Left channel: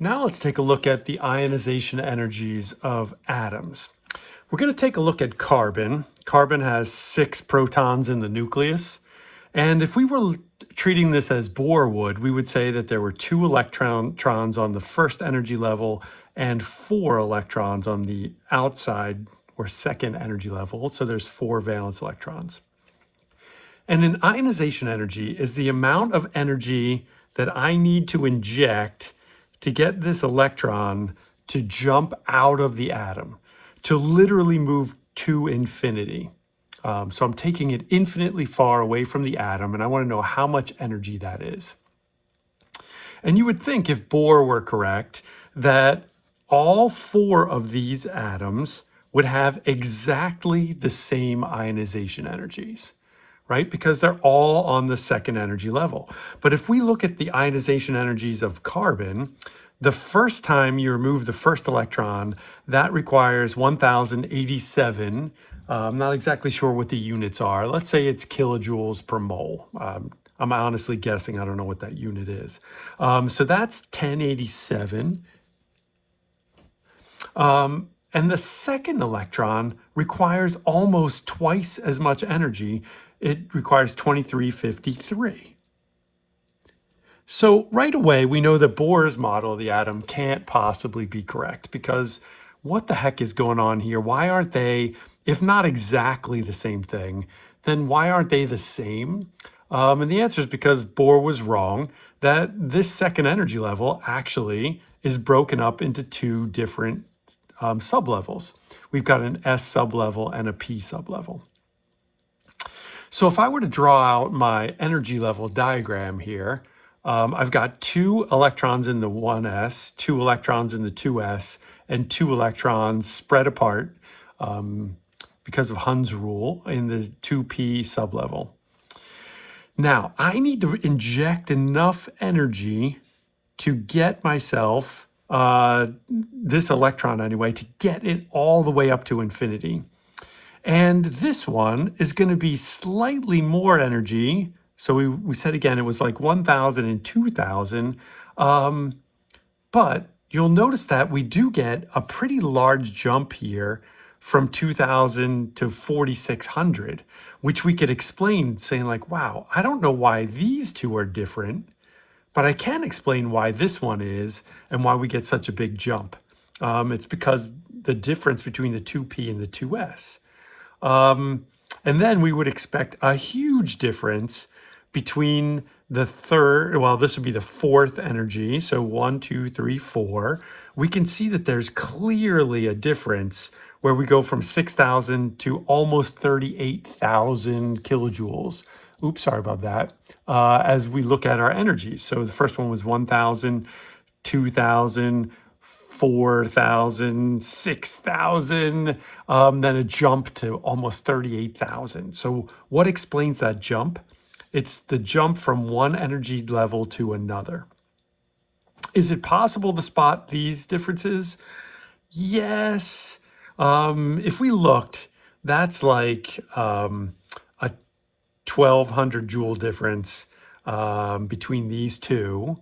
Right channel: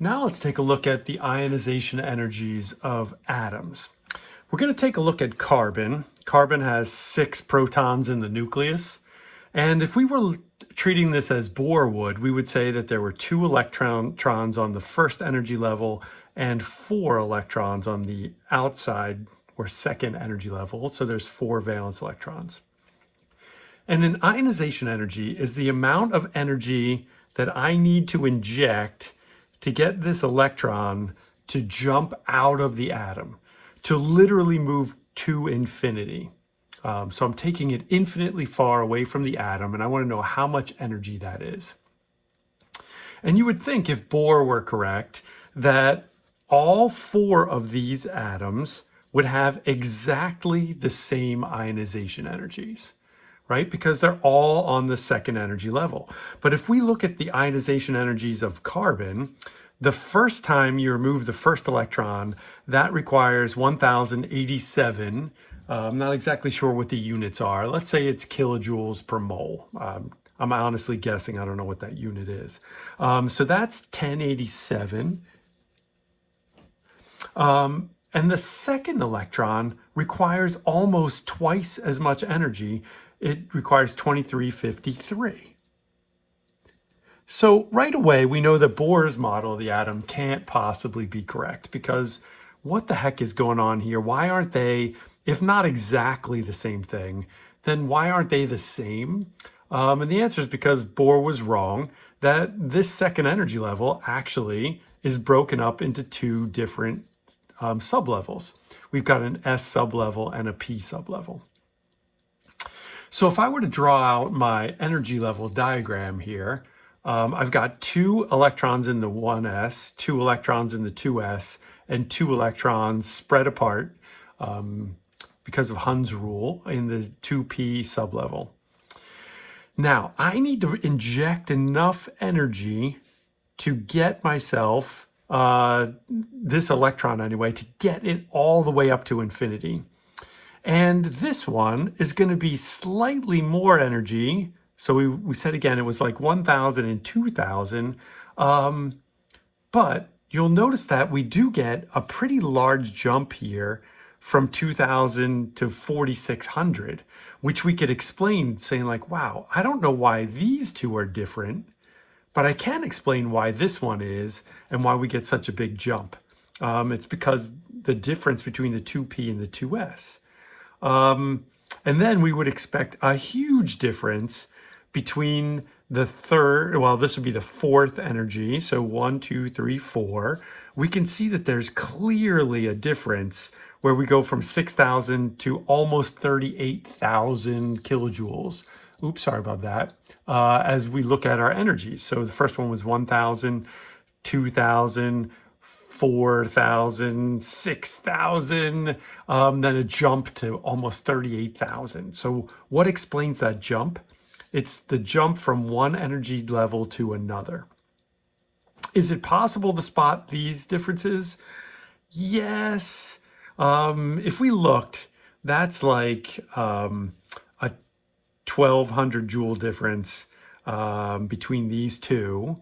Now let's take a look at the ionization energies of atoms. We're going to take a look at carbon. Carbon has 6 protons in the nucleus. And if we were treating this as Bohr would, we would say that there were 2 electrons on the first energy level and 4 electrons on the outside or second energy level. So there's 4 valence electrons. And an ionization energy is the amount of energy that I need to inject to get this electron to jump out of the atom, to literally move to infinity. So I'm taking it infinitely far away from the atom, and I want to know how much energy that is. And you would think, if Bohr were correct, that all 4 of these atoms would have exactly the same ionization energies, right? Because they're all on the second energy level. But if we look at the ionization energies of carbon, the first time you remove the first electron, that requires 1087. I'm not exactly sure what the units are. Let's say it's kilojoules per mole. I'm honestly guessing. I don't know what that unit is. So that's 1087. And the second electron requires almost twice as much energy. It requires 2353. So right away, we know that Bohr's model of the atom can't possibly be correct, because what the heck is going on here? Why aren't they, if not exactly the same thing, then why aren't they the same? And the answer is because Bohr was wrong, that this second energy level actually is broken up into 2 different sublevels. We've got an S sublevel and a P sublevel. So if I were to draw out my energy level diagram here, I've got 2 electrons in the 1s, 2 electrons in the 2s, and 2 electrons spread apart because of Hund's rule in the 2p sublevel. Now, I need to inject enough energy to get myself, this electron anyway, to get it all the way up to infinity. And this one is going to be slightly more energy. So we said again, it was like 1,000 and 2,000. But you'll notice that we do get a pretty large jump here from 2,000 to 4,600, which we could explain saying like, wow, I don't know why these 2 are different, but I can explain why this one is and why we get such a big jump. It's because the difference between the 2p and the 2s. And then we would expect a huge difference between the third, well, this would be the 4th energy. So 1, 2, 3, 4. We can see that there's clearly a difference where we go from 6,000 to almost 38,000 kilojoules. Oops, sorry about that. As we look at our energies. So the first one was 1,000, 2,000, 4,000, 6,000, then a jump to almost 38,000. So what explains that jump? It's the jump from one energy level to another. Is it possible to spot these differences? Yes. If we looked, that's like a 1,200 joule difference between these 2.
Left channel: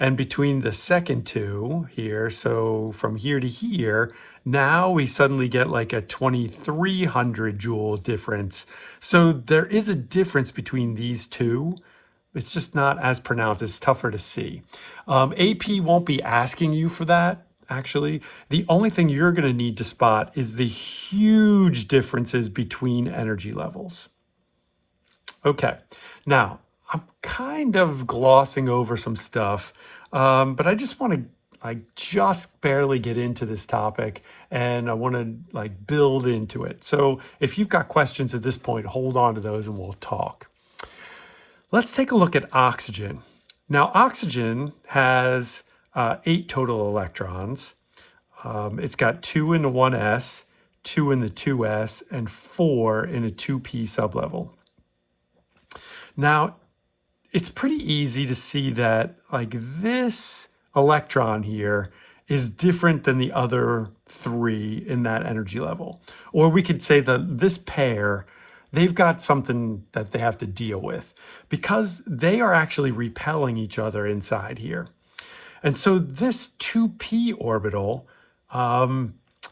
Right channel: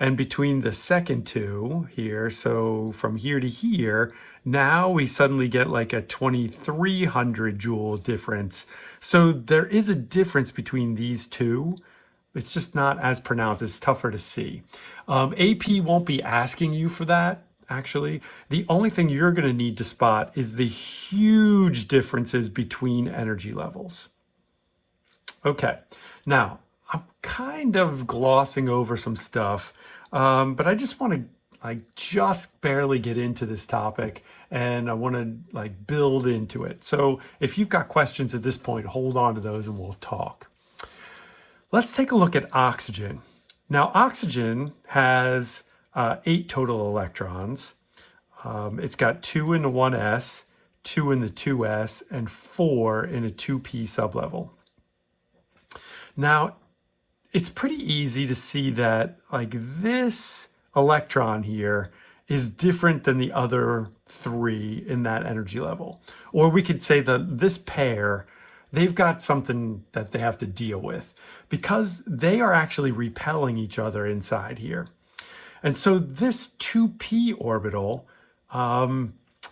And between the second 2 here, so from here to here, now we suddenly get like a 2,300 joule difference. So there is a difference between these 2. It's just not as pronounced. It's tougher to see. AP won't be asking you for that, actually. The only thing you're going to need to spot is the huge differences between energy levels. Okay, now I'm kind of glossing over some stuff, but I just want to just barely get into this topic, and I want to build into it. So if you've got questions at this point, hold on to those and we'll talk. Let's take a look at oxygen. Now, oxygen has 8 total electrons. It's got 2 in the 1s, 2 in the 2s, and 4 in a 2p sublevel. Now, it's pretty easy to see that this electron here is different than the other 3 in that energy level. Or we could say that this pair, they've got something that they have to deal with because they are actually repelling each other inside here. And so this 2p orbital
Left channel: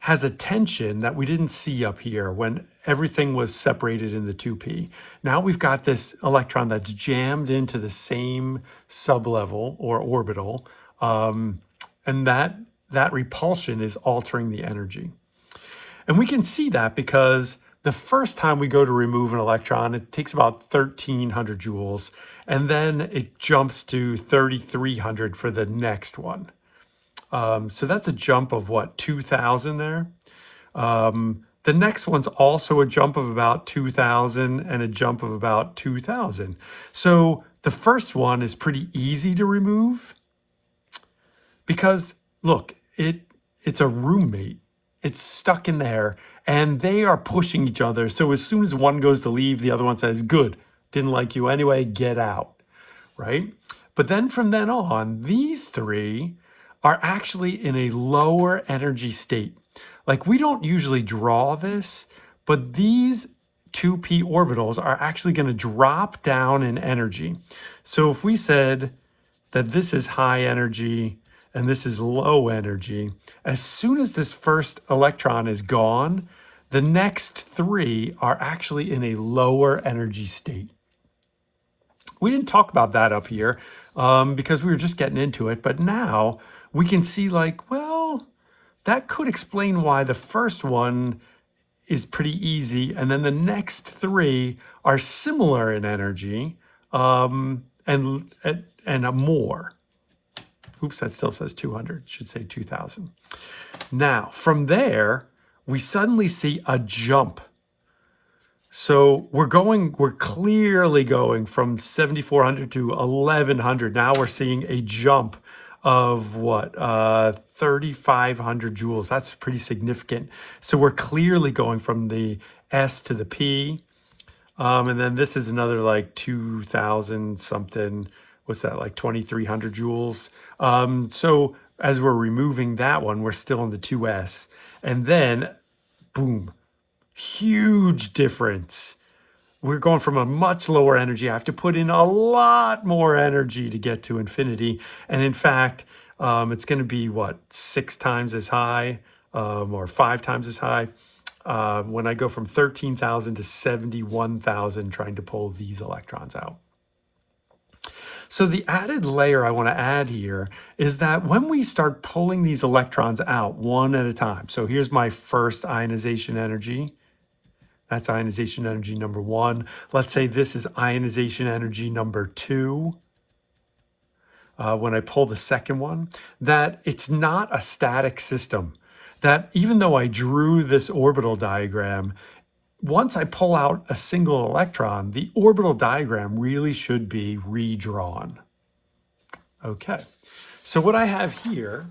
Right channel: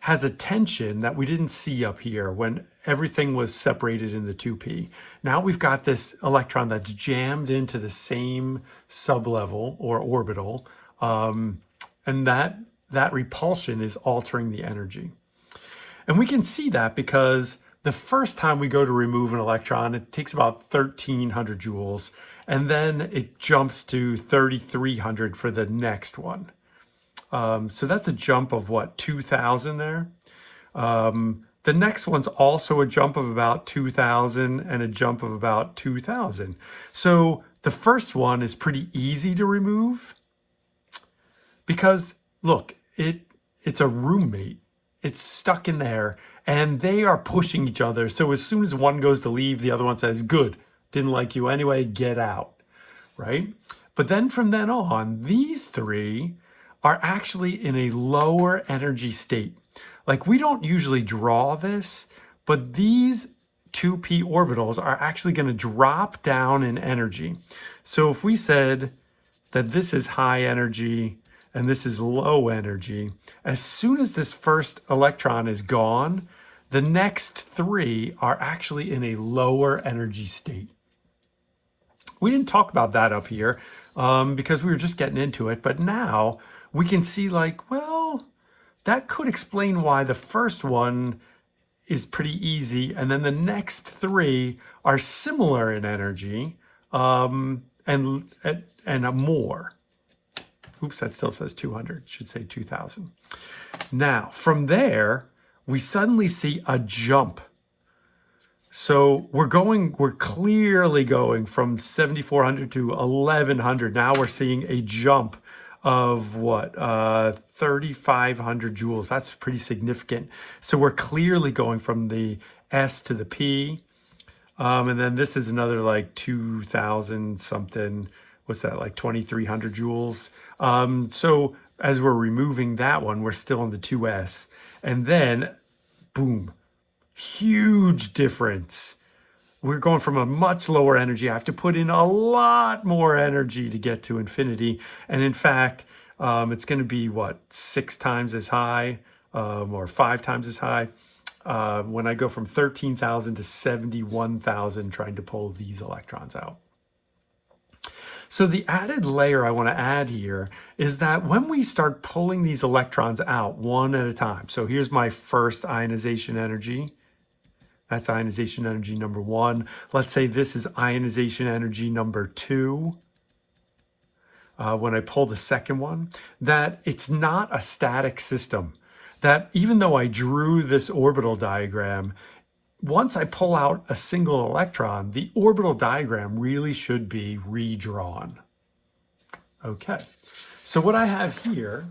has a tension that we didn't see up here when everything was separated in the 2p. Now we've got this electron that's jammed into the same sublevel or orbital, and that repulsion is altering the energy. And we can see that because the first time we go to remove an electron, it takes about 1,300 joules, and then it jumps to 3,300 for the next one. So that's a jump of what, 2,000 there? The next one's also a jump of about 2,000 and a jump of about 2,000. So the first one is pretty easy to remove because, look, it's a roommate. It's stuck in there and they are pushing each other. So as soon as one goes to leave, the other one says, good, didn't like you anyway, get out, right? But then from then on, these three are actually in a lower energy state. Like, we don't usually draw this, but these 2p orbitals are actually going to drop down in energy. So if we said that this is high energy and this is low energy, as soon as this first electron is gone, the next three are actually in a lower energy state. We didn't talk about that up here because we were just getting into it, but now we can see, like, well, that could explain why the first one is pretty easy, and then the next three are similar in energy, and a more. Oops, that still says 200. It should say 2,000. Now, from there, we suddenly see a jump. So we're clearly going from 7,400 to 1,100. Now we're seeing a jump of what, 3,500 joules. That's pretty significant. So we're clearly going from the S to the P. And then this is another like 2,000 something. What's that, like 2,300 joules? So as we're removing that one, we're still in the 2S. And then, boom, huge difference. We're going from a much lower energy. I have to put in a lot more energy to get to infinity. And in fact, it's going to be, what, 6 times as high or 5 times as high when I go from 13,000 to 71,000 trying to pull these electrons out. So the added layer I want to add here is that when we start pulling these electrons out one at a time, so here's my first ionization energy. That's ionization energy number 1. Let's say this is ionization energy number 2. When I pull the second one, that it's not a static system. That even though I drew this orbital diagram, once I pull out a single electron, the orbital diagram really should be redrawn. Okay, so what I have here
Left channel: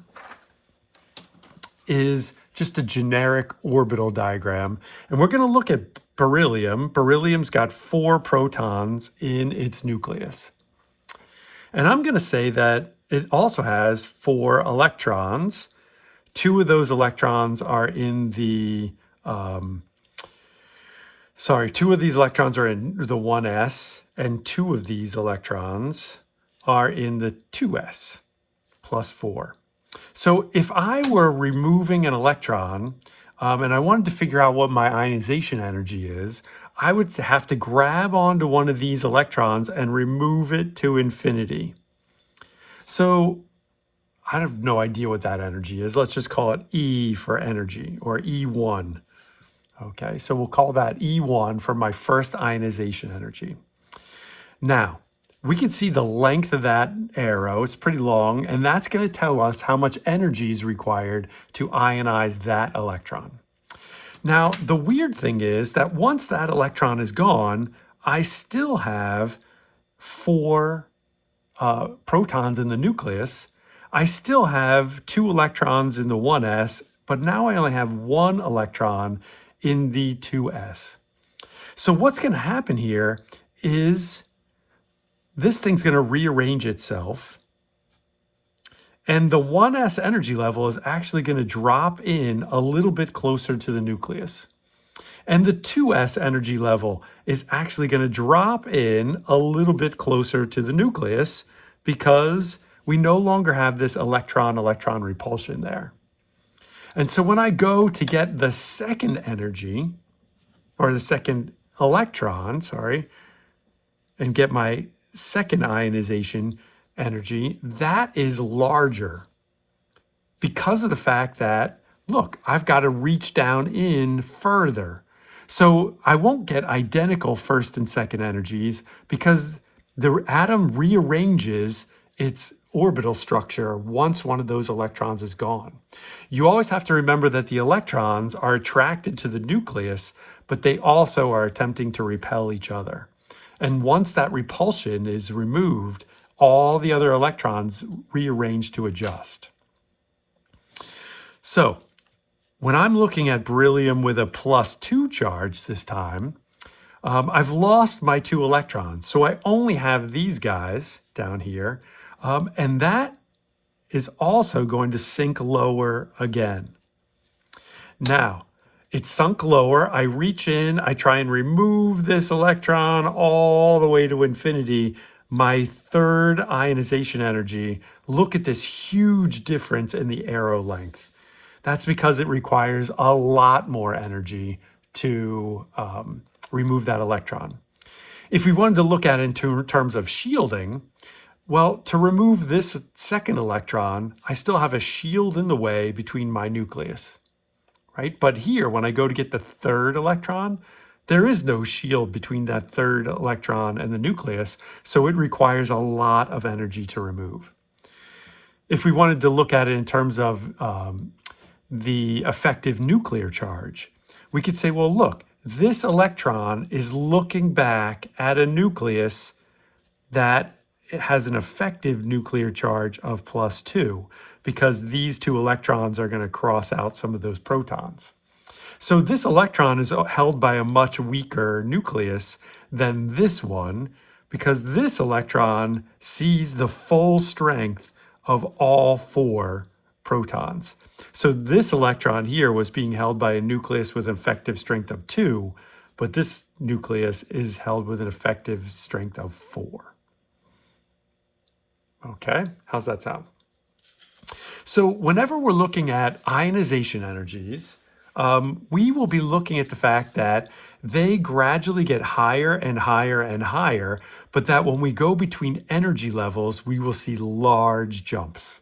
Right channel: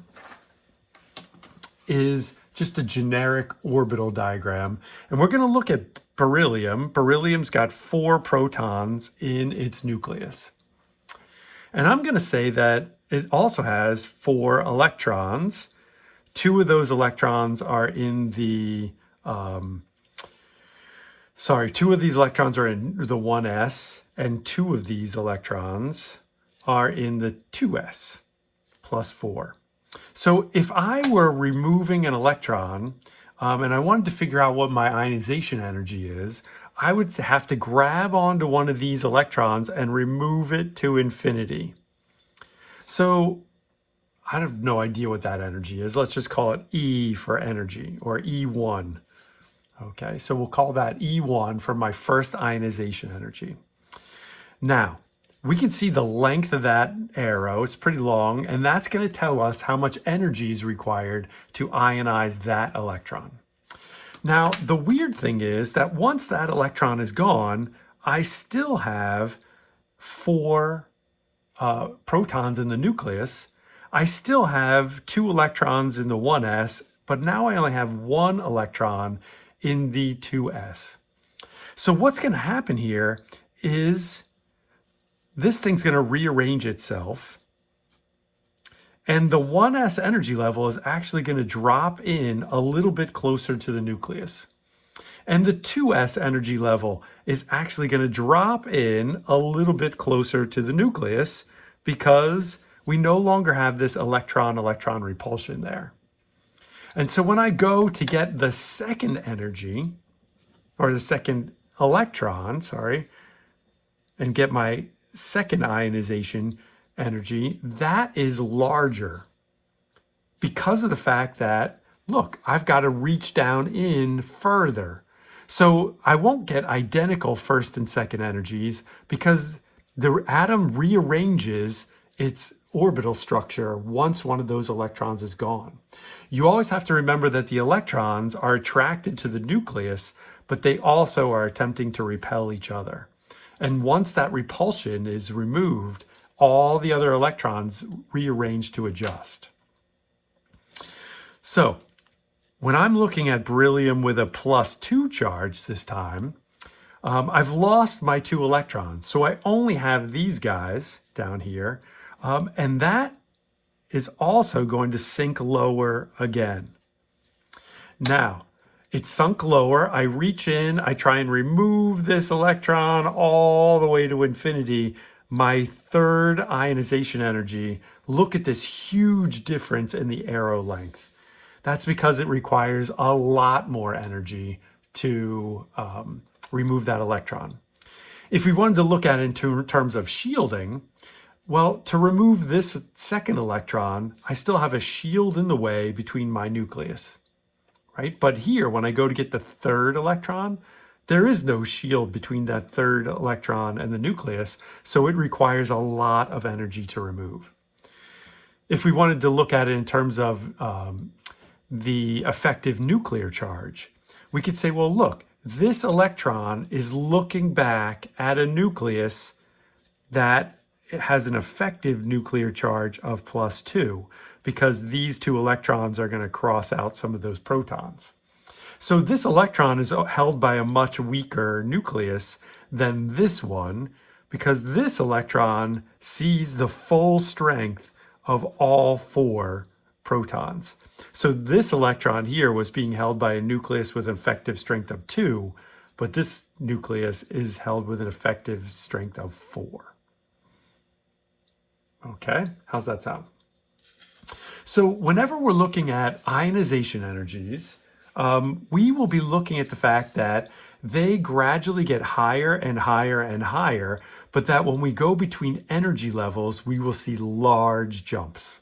is just a generic orbital diagram. And we're going to look at beryllium. Beryllium's got 4 protons in its nucleus. And I'm going to say that it also has 4 electrons. 2 of those electrons are in the, 2 of these electrons are in the 1s, and 2 of these electrons are in the 2s, plus 4. So if I were removing an electron and I wanted to figure out what my ionization energy is, I would have to grab onto one of these electrons and remove it to infinity. So I have no idea what that energy is. Let's just call it E for energy, or E1. Okay, so we'll call that E1 for my first ionization energy. Now, we can see the length of that arrow. It's pretty long, and that's going to tell us how much energy is required to ionize that electron. Now, the weird thing is that once that electron is gone, I still have 4 protons in the nucleus. I still have 2 electrons in the 1s, but now I only have 1 electron in the 2s. So what's going to happen here is this thing's going to rearrange itself, and the 1s energy level is actually going to drop in a little bit closer to the nucleus. And the 2s energy level is actually going to drop in a little bit closer to the nucleus because we no longer have this electron-electron repulsion there. And so when I go to get the second energy, or the second electron, sorry, and get my second ionization energy, that is larger because of the fact that, look, I've got to reach down in further. So I won't get identical first and second energies because the atom rearranges its orbital structure once one of those electrons is gone. You always have to remember that the electrons are attracted to the nucleus, but they also are attempting to repel each other. And once that repulsion is removed, all the other electrons rearrange to adjust. So when I'm looking at beryllium with a +2 charge this time, I've lost my 2 electrons. So I only have these guys down here. And that is also going to sink lower again. Now, it's sunk lower. I reach in, I try and remove this electron all the way to infinity. My third ionization energy, look at this huge difference in the arrow length. That's because it requires a lot more energy to remove that electron. If we wanted to look at it in terms of shielding, well, to remove this second electron, I still have a shield in the way between my nucleus, right? But here, when I go to get the third electron, there is no shield between that third electron and the nucleus, so it requires a lot of energy to remove. If we wanted to look at it in terms of the effective nuclear charge, we could say, well, look, this electron is looking back at a nucleus that has an effective nuclear charge of +2 because these 2 electrons are going to cross out some of those protons. So this electron is held by a much weaker nucleus than this one because this electron sees the full strength of all 4 protons. So this electron here was being held by a nucleus with an effective strength of 2, but this nucleus is held with an effective strength of 4. Okay, how's that sound? So whenever we're looking at ionization energies, we will be looking at the fact that they gradually get higher and higher and higher, but that when we go between energy levels, we will see large jumps.